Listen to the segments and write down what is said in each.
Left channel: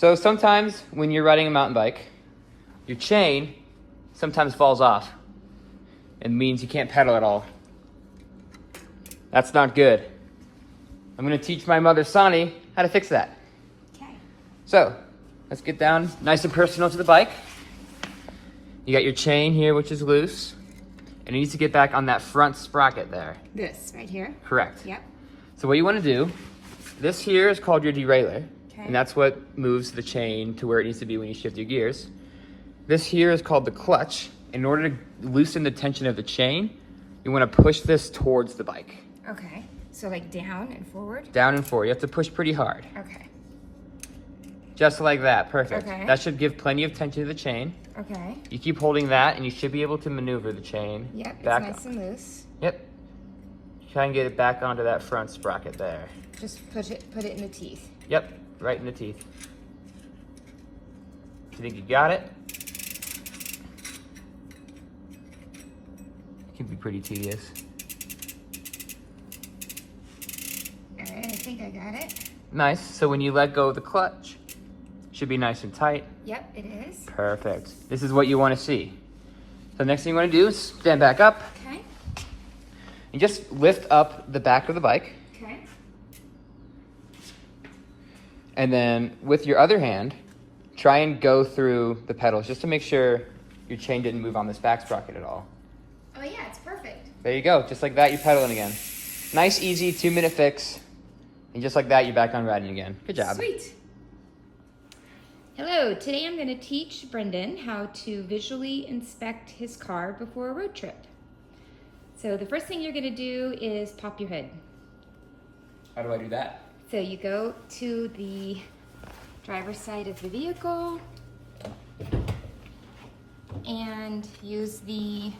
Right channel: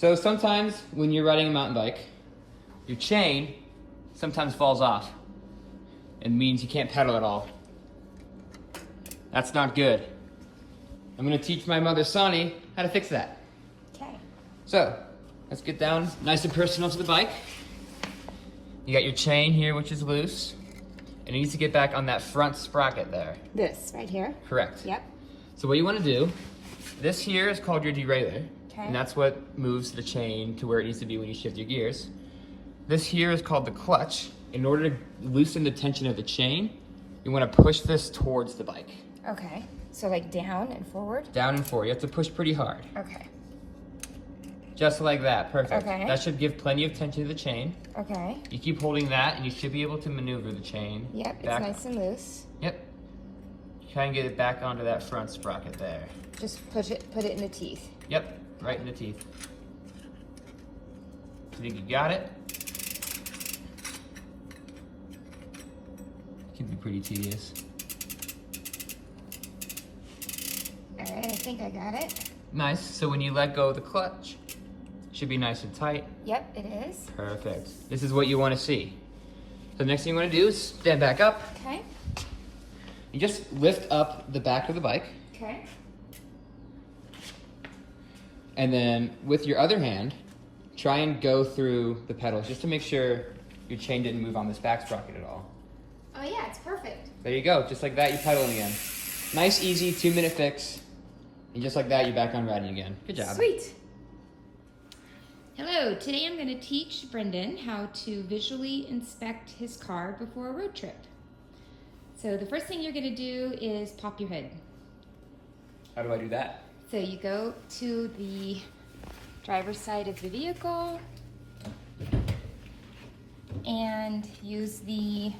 So sometimes when you're riding a mountain bike, your chain sometimes falls off. It means you can't pedal at all. That's not good. I'm gonna teach my mother, Sonny, how to fix that. Okay. So, let's get down nice and personal to the bike. You got your chain here, which is loose. It needs to get back on that front sprocket there. This right here? Correct. Yep. So what you wanna do, this here is called your derailleur. Okay. And that's what moves the chain to where it needs to be when you shift your gears. This here is called the clutch. In order to loosen the tension of the chain, you wanna push this towards the bike. Okay. So like down and forward? Down and forward. You have to push pretty hard. Okay. Just like that, perfect. Okay. That should give plenty of tension to the chain. Okay. You keep holding that and you should be able to maneuver the chain. Yep, it's back. nice and loose. Yep. Try and get it back onto that front sprocket there. Just put it in the teeth. Yep, right in the teeth. You think you got it? It can be pretty tedious. Alright, I think I got it. Nice, so when you let go of the clutch, it should be nice and tight. Yep, it is. Perfect. This is what you want to see. So the next thing you want to do is stand back up Okay. and just lift up the back of the bike. Okay. And then with your other hand, try and go through the pedals just to make sure your chain didn't move on this back sprocket at all. Oh yeah, it's perfect. There you go, just like that, you're pedaling again. Nice, easy, 2-minute fix. And just like that, you're back on riding again. Good job. Sweet. Hello, today I'm going to teach Brendan how to visually inspect his car before a road trip. So the first thing you're going to do is pop your hood. How do I do that? So you go to the driver's side of the vehicle and use the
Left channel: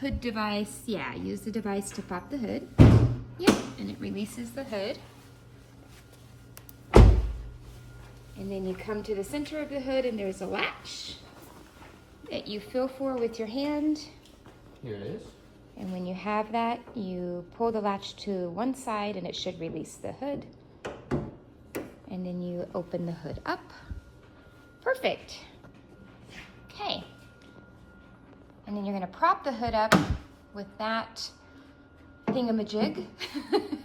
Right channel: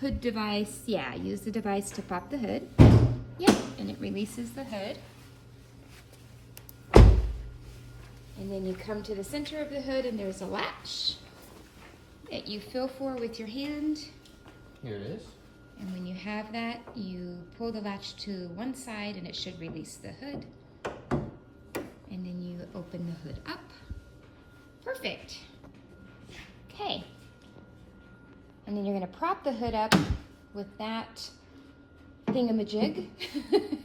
hood device. Yeah, use the device to pop the hood. Yep, and it releases the hood. And then you come to the center of the hood and there's a latch that you feel for with your hand. Here it is. And when you have that, you pull the latch to one side and it should release the hood. And then you open the hood up. Perfect. Okay. And then you're gonna prop the hood up with that thingamajig.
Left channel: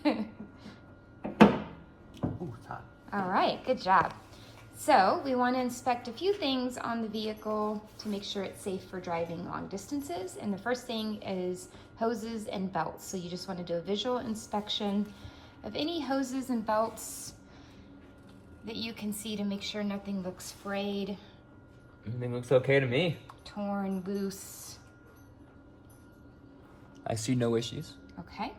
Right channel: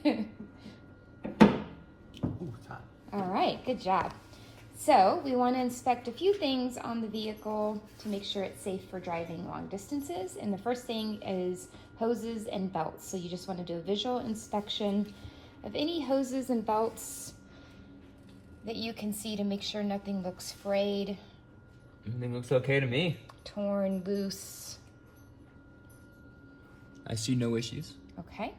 Ooh, it's hot. All right, good job. So we want to inspect a few things on the vehicle to make sure it's safe for driving long distances. And the first thing is hoses and belts. So you just want to do a visual inspection of any hoses and belts that you can see to make sure nothing looks frayed, Everything looks okay to me. torn, loose. I see no issues. Okay.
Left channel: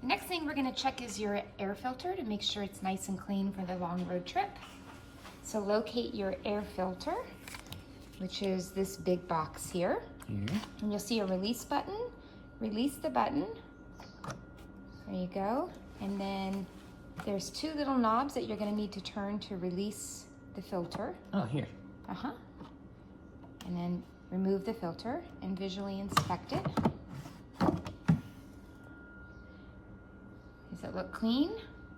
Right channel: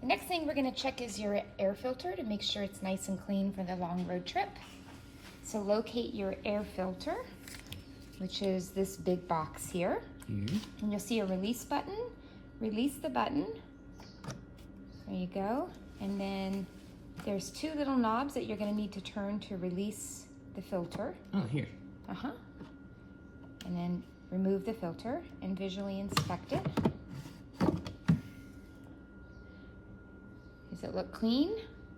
The next thing we're going to check is your air filter to make sure it's nice and clean for the long road trip. So locate your air filter, which is this big box here. Mm-hmm. And you'll see a release button. Release the button. There you go. And then there's 2 little knobs that you're going to need to turn to release the filter. Oh, here. Uh-huh. And then remove the filter and visually inspect it. Does it look clean?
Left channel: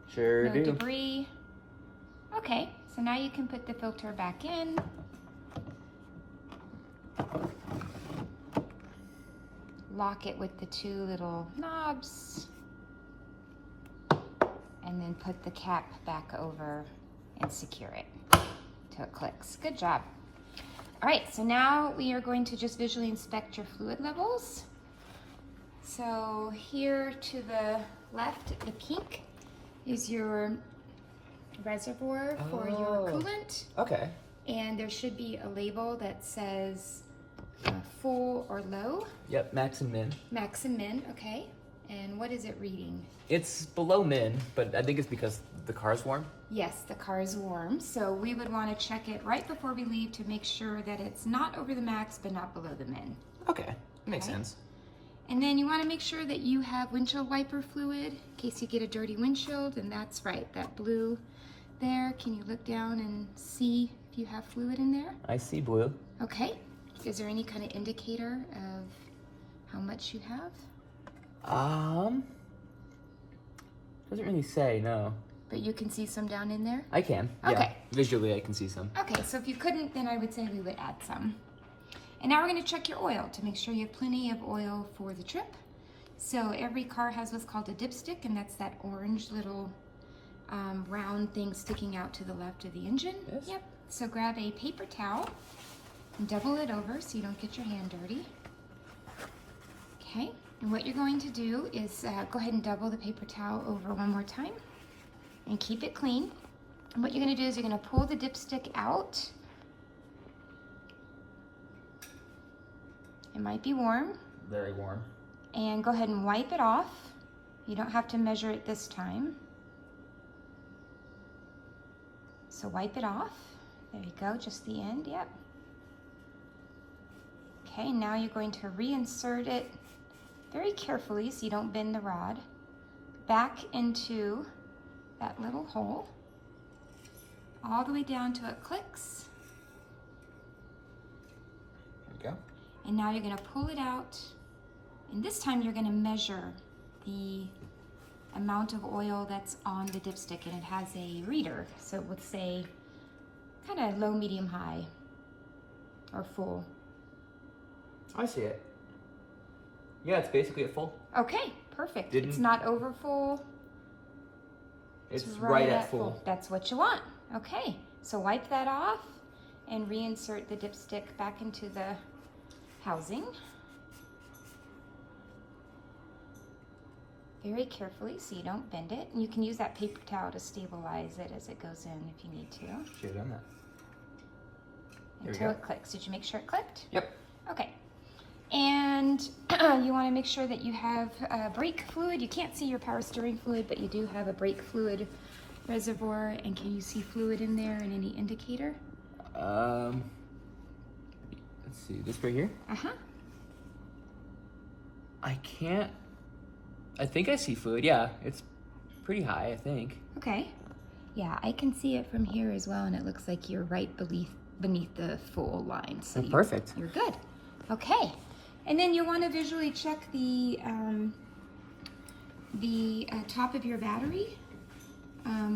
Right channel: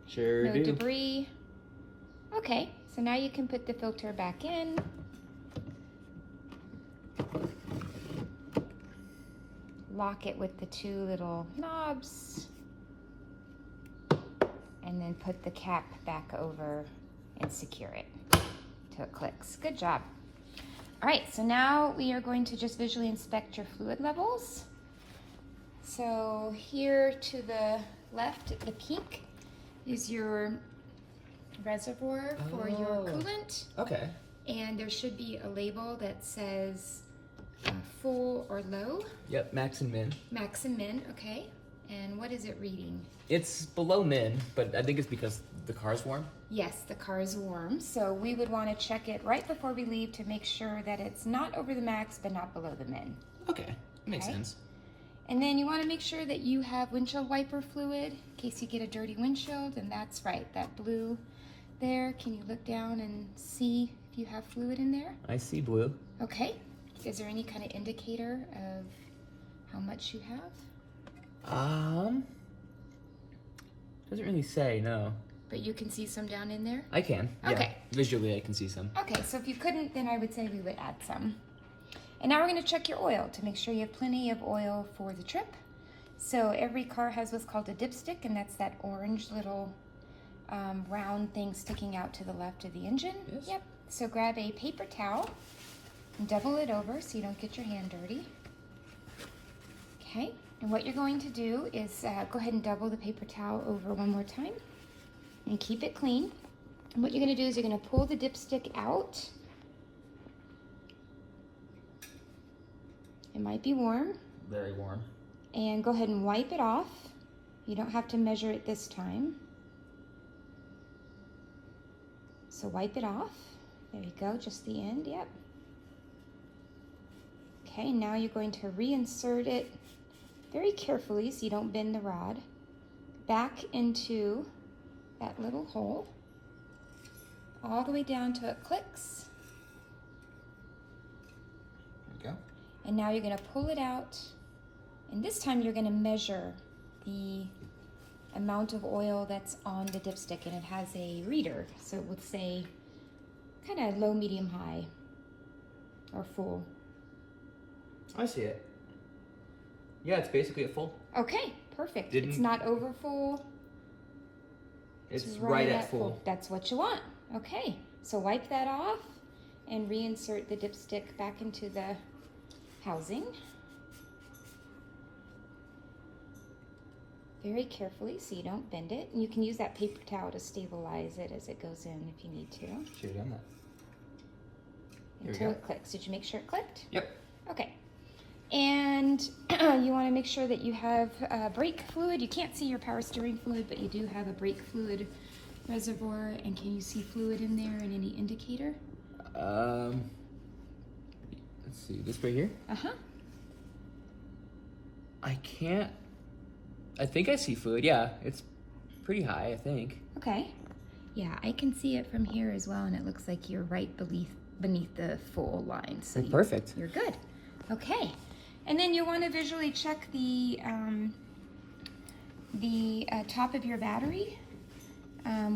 Sure No do. debris. Okay, so now you can put the filter back in. Lock it with the 2 little knobs. And then put the cap back over and secure it till it clicks. Good job. All right, so now we are going to just visually inspect your fluid levels. So here to the left, the pink is your reservoir for your coolant. Okay. And there should be a label that says full or low, Yep, max and min. max and min, okay. And what is it reading? It's below min, but I think it's because the car's warm. Yes, the car is warm, so we would want to check it right before we leave to make sure that it's not over the max but not below the min. Okay, makes Okay. sense. And then you want to make sure that you have windshield wiper fluid in case you get a dirty windshield, and that's right, that blue there. Can you look down and see if you have fluid in there? I see blue. Okay. Is there any kind of indicator of how much you have? Doesn't really say, no. but you can see some down in there? I can. Yeah. Okay. Visually, I can see some. Okay, so if you couldn't, then I would say we would add some. And now we're going to check your oil to make sure you have plenty of oil for the trip. So every car has what's called a dipstick, and that's that orange little round thing sticking out to the left of the engine. Yes. Yep. So grab a paper towel and double it over so you don't get your hand dirty. Okay, and what you're going to do is go ahead and double the paper towel over one more time and keep it clean. And what you're going to do is you're going to pull the dipstick out. It might be warm. Very warm. And go ahead and wipe it off. You don't have to measure it this time. So wipe it off. There you go, just the end, yep. Okay, now you're going to reinsert it very carefully so you don't bend the rod back into that little hole, all the way down till it clicks. There you go. And now you're going to pull it out, and this time you're going to measure the amount of oil that's on the dipstick, and it has a reader, so it would say kind of low, medium, high, or full. I see it. Yeah, it's basically a full. Okay, perfect. Didn't- It's not over full. It's right at full. That's what you want. Okay, so wipe that off and reinsert the dipstick back into the housing. Very carefully so you don't bend it. And you can use that paper towel to stabilize it as it goes in if you need to. Should have done that. There we Until go. it clicks. Did you make sure it clicked? Yep. Okay. And you want to make sure that you have brake fluid. You can't see your power steering fluid, but you do have a brake fluid reservoir. And can you see fluid in there and any indicator? Let's see, this right here? Uh-huh. I can't. I think I see fluid. Yeah, it's pretty high, I think. Okay. Yeah, I can see it from here as well, and it looks like you're right beneath the full line. So Perfect. You're good. Okay. And then you want to visually check the top of your battery,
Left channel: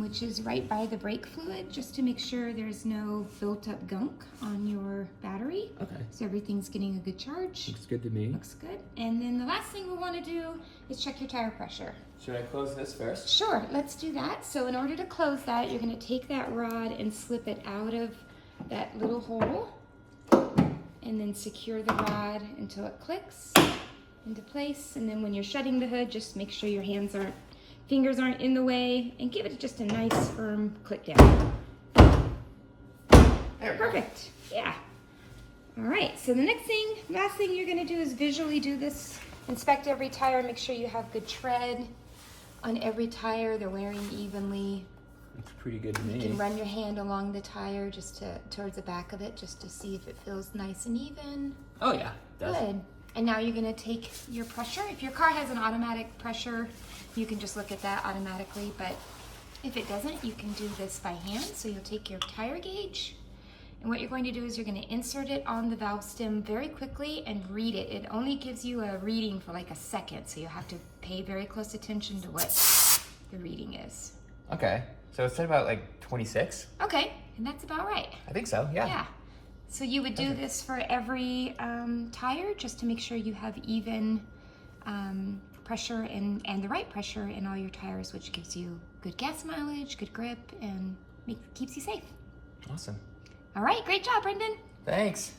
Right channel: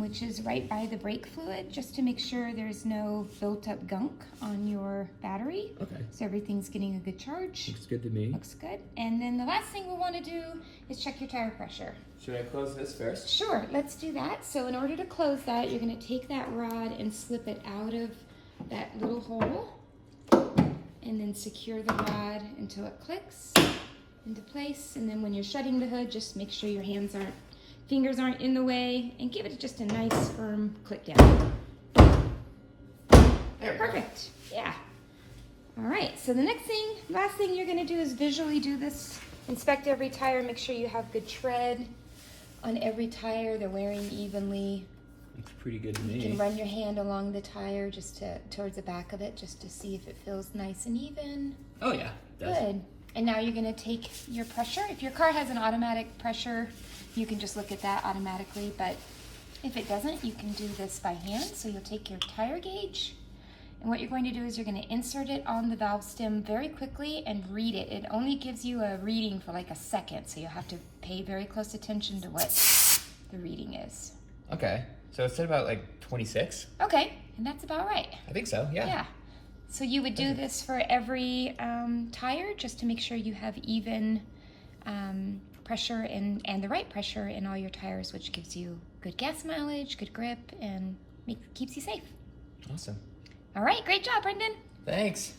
which is right by the brake fluid, just to make sure there's no built-up gunk on your battery. Okay. So everything's getting a good charge. Looks good to me. Looks good. And then the last thing we want to do is check your tire pressure. Should I close this first? Sure, let's do that. So in order to close that, you're going to take that rod and slip it out of that little hole, and then secure the rod until it clicks into place. And then when you're shutting the hood, just make sure your fingers aren't in the way, and give it just a nice firm click down. There we go. Perfect. Yeah. All right. So the last thing you're going to do is visually do this. Inspect every tire. Make sure you have good tread on every tire. They're wearing evenly. Looks pretty good to You me. can run your hand along the tire just towards the back of it, just to see if it feels nice and even. Oh yeah, it does. Good. And now you're going to take your pressure. If your car has an automatic pressure, you can just look at that automatically. But if it doesn't, you can do this by hand. So you'll take your tire gauge, and what you're going to do is you're going to insert it on the valve stem very quickly and read it. It only gives you a reading for like a second, so you'll have to pay very close attention to what the reading is. Okay, so it said about like 26? Okay, and that's about right. I think so, yeah. Yeah. So you would do Okay. this for every tire, just to make sure you have even pressure and the right pressure in all your tires, which gives you good gas mileage, good grip, and keeps you safe. Awesome. All right, great job, Brendan. Thanks.